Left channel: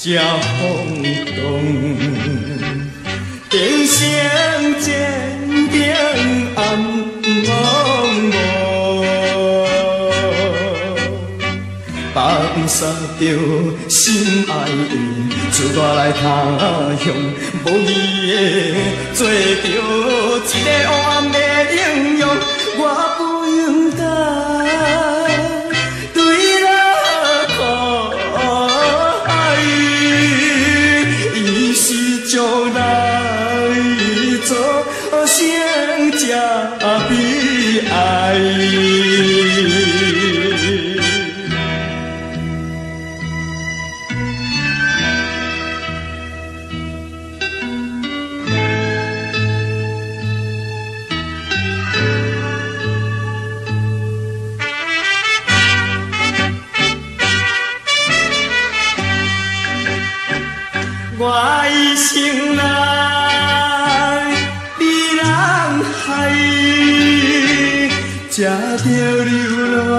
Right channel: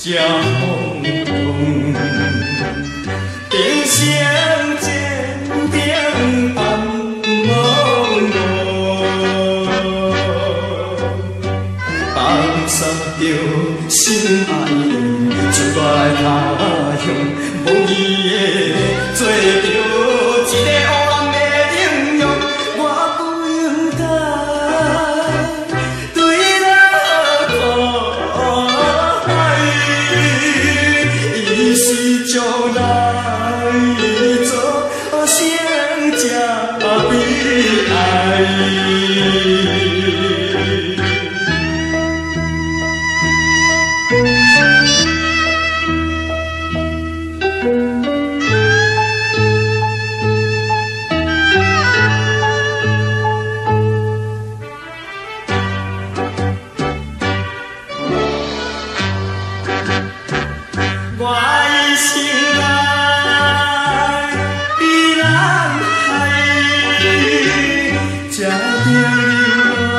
这轰动，人生渐渐暗茫茫，放下着心爱的，出我来他乡，无义的做着一个黑暗的英雄，我不应该。将来做成这悲哀。我一生来被人害，才着流浪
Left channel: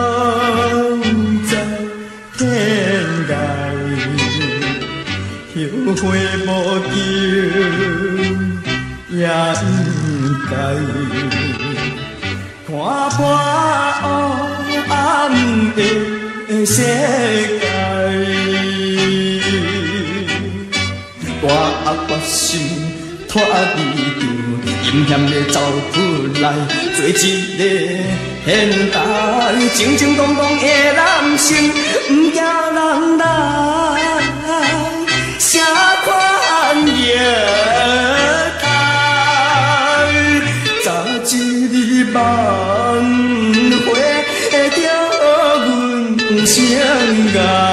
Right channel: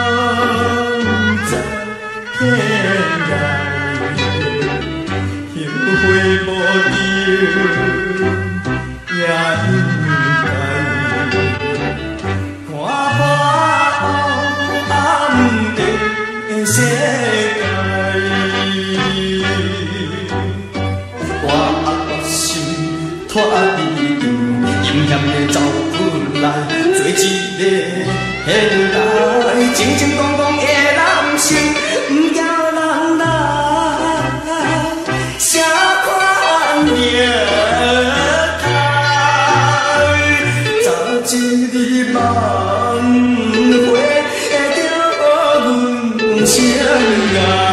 在天涯，后悔无救也应该，看破黑暗的世界。我决心脱离场，阴险的走出来，做一个现代正正当当的男性，不惊人来啥款虐待，早一日挽回着阮心爱。